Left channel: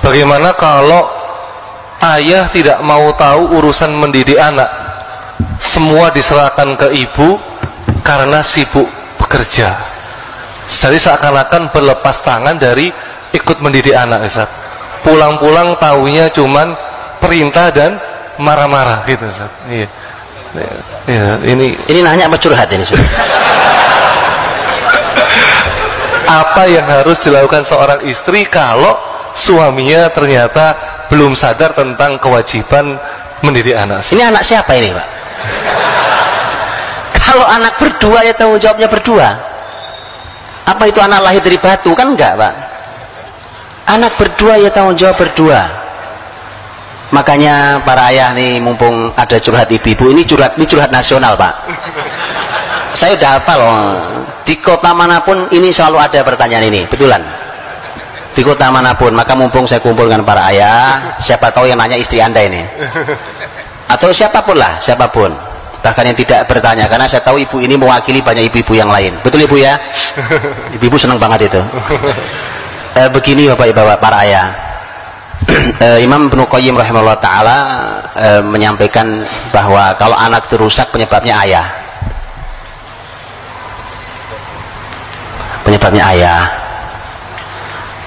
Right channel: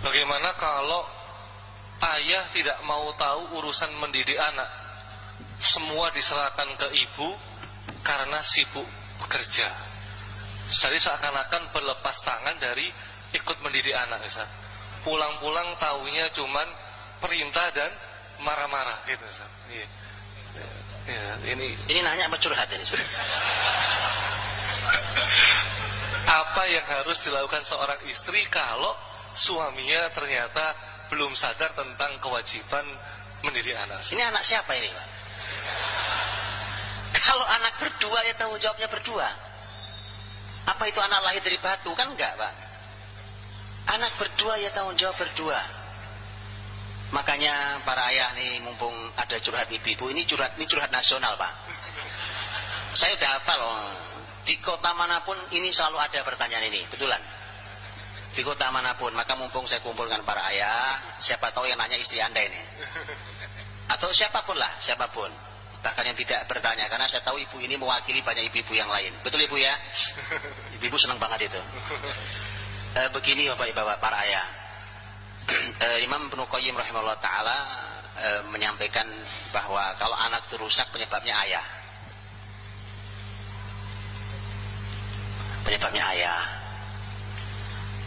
bagaimana kalau ayah tidak mau tahu urusan mendidik anak, semua diserahkan ke ibu karena sibuk bekerja, jadi seakan-akan berlepas tangan dari ikut mendidik anak, Ustaz. Pulang-pulang taunya cuman perintah dan marah-marah gitu, Ustaz. Iya. Ya, ini nanya apa curhat ini sudah? Apa yang harus dilakukan seorang istri kalau suaminya ternyata belum sadar tentang kewajiban mendidik anak? Ini anak siapa ini, Pak? Kalau anak berdua ya tanggung jawabnya berdua. Apa itu anak lahir dari batu? Kan enggak, Pak. Anak berdua ya tanggung jawab berdua. Makanya para ayah nih, mumpung ada curhat ibu-ibu, ini curhat nasional, Pak. Saya udah hafal loh. Di kota manapun ini selalu ada pertanyaan ini, betulan. Di kota manapun, maka mumpung saya kumpulkan para ayah, siapa tahu yang nanya istri Anda ini. Atau siapapun lah, siapapun. Bahkan yang tidak bertanya, karena saya tahu ibu ini mewakili banyak ibu-ibu yang lain. Betul Ibu ya? Ibu-ibu senang banget itu. Begini Bapak Ibu para ayah. Imam Ibnu Qayyim rahimahullah ta'ala menyampaikan bahwa kalau anak itu rusak penyebabnya ayah. Penyebabnya ayah.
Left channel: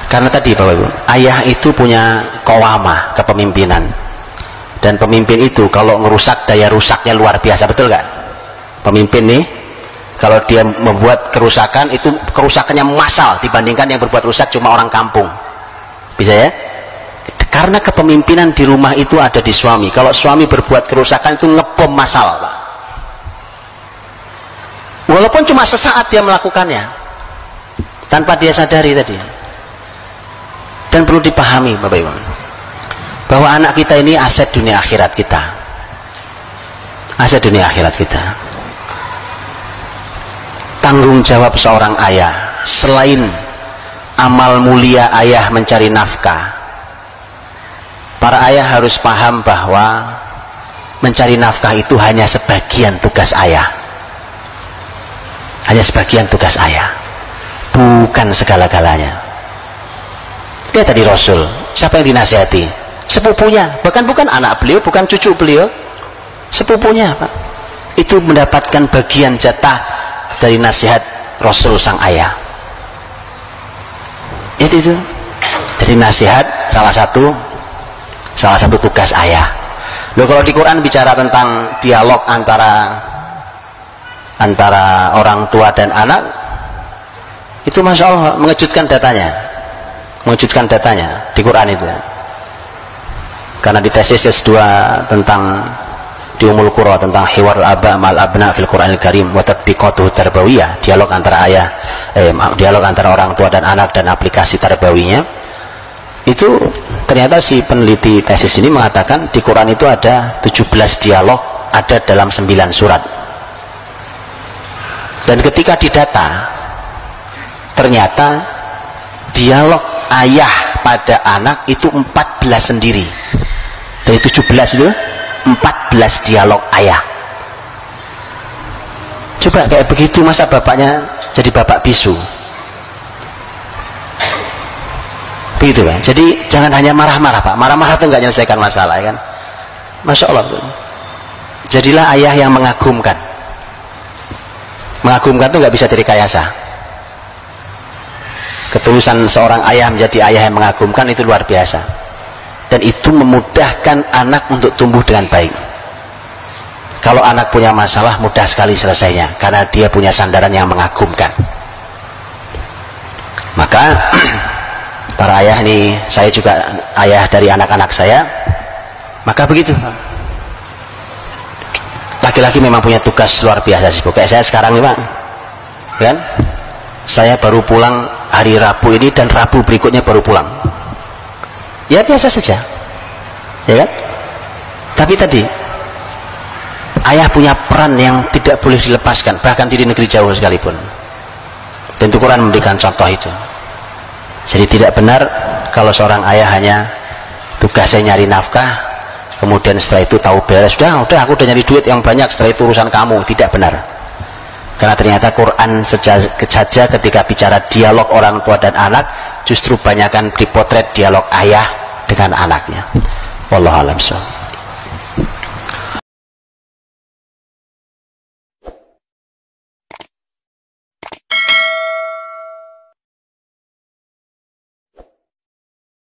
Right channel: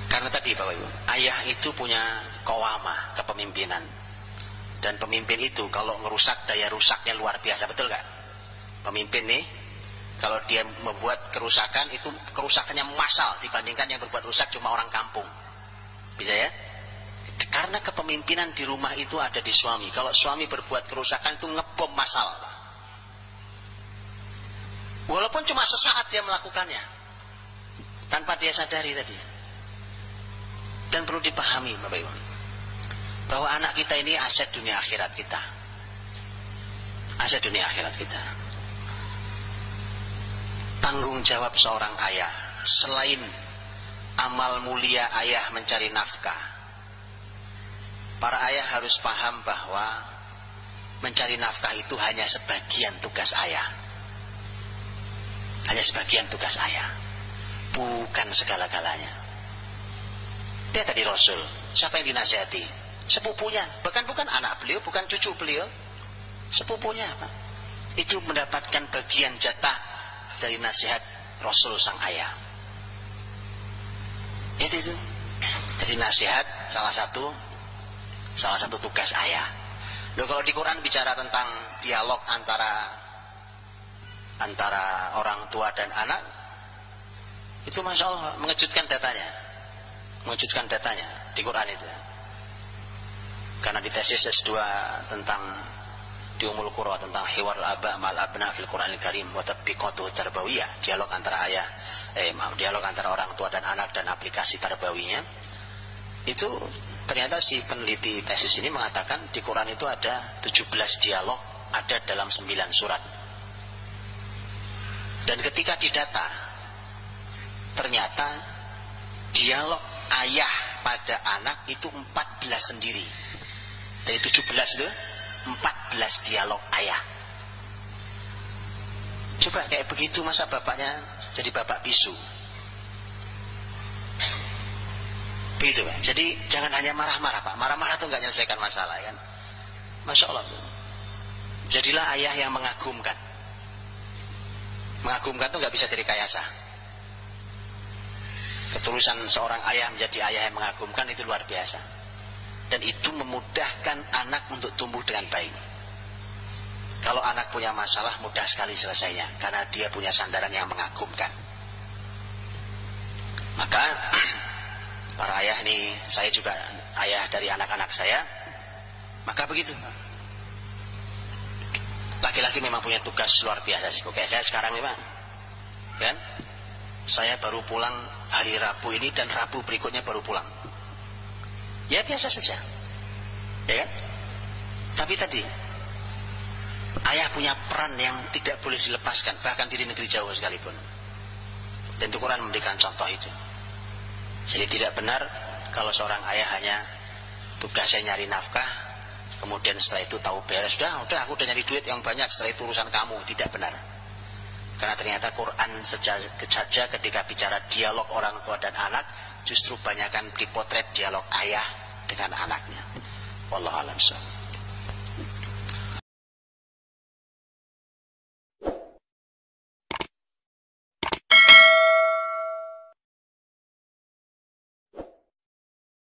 Karena tadi Bapak Ibu, ayah itu punya qawamah, kepemimpinan. Dan pemimpin itu kalau ngerusak, daya rusaknya luar biasa, betul gak? Pemimpin nih, kalau dia membuat kerusakan, itu kerusakannya massal dibandingkan yang berbuat rusak cuma orang kampung. Bisa ya? Karena kepemimpinan di rumah itu ada di suami. Kalau suami berbuat kerusakan itu ngebom massal, Pak. Walaupun cuma sesaat dia melakukannya, tanpa dia sadari tadi. Dan perlu dipahami Bapak Ibu, bahwa anak kita ini aset dunia akhirat kita. Aset dunia akhirat kita. Tanggung jawab seorang ayah, selain amal mulia ayah mencari nafkah, para ayah harus paham bahwa mencari nafkah itu hanya sebagian tugas ayah. Hanya sebagian tugas ayah, bukan segala-galanya. Lihat tadi Rasul, siapa yang dinasihati? Sepupunya, bahkan bukan anak beliau, bukan cucu beliau, sepupunya, Pak. Itu mendapatkan bagian jatah dari nasihat Rasul sang ayah. Itu. Jadi nasihat salah satu tugas ayah. Loh, kalau di Quran bicara tentang dialog antara orang tua dan anak, itu Masya Allah mengejutkan datanya di Quran itu. Karena di tesis S2 tentang di Ummul Qura tentang hiwar al-aba ma'al abna fil Qur'anil Karim wa tatbiqatuhu tarbawiyah, dialog antara dialog antara orang tua dan anak dan aplikasi tarbawinya. Itu ternyata si peneliti tesis ini mengatakan di Quran itu ada 17 dialog, ada dalam 9 surat. Dan ketika didata, ternyata dialog ayah pada anak itu 14 sendiri. Dari 17 itu 14 dialog ayah. Coba kayak begitu masa bapaknya jadi bapak bisu? Begitu Pak. Jadi jangan hanya marah-marah Pak. Marah-marah itu nggak menyelesaikan masalah ya kan. Masya Allah. Jadilah ayah yang mengagumkan. Mengagumkan itu nggak bisa direkayasa. Ketulusan seorang ayah menjadi ayah yang mengagumkan itu luar biasa. Dan itu memudahkan anak untuk tumbuh dengan baik. Kalau anak punya masalah mudah sekali selesainya, karena dia punya sandaran yang mengagumkan. Maka para ayah nih, saya juga ayah dari anak-anak saya, maka begitu. Laki-laki memang punya tugas luar biasa sih. Kayak saya sekarang nih Pak, kan? Saya baru pulang hari Rabu ini dan Rabu berikutnya baru pulang. Ya biasa saja, ya kan? Tapi tadi ayah punya peran yang tidak boleh dilepaskan, bahkan di negeri jauh sekalipun. Dan itu Quran memberikan contoh itu. Jadi tidak benar kalau seorang ayah hanya tugasnya nyari nafkah, kemudian setelah itu tahu beres, udah aku udah nyari duit yang banyak, setelah itu urusan kamu. Tidak benar. Karena ternyata Quran saja ketika bicara dialog orang tua dan anak, justru banyakkan dipotret dialog ayah dengan anaknya. Wallahu a'lam.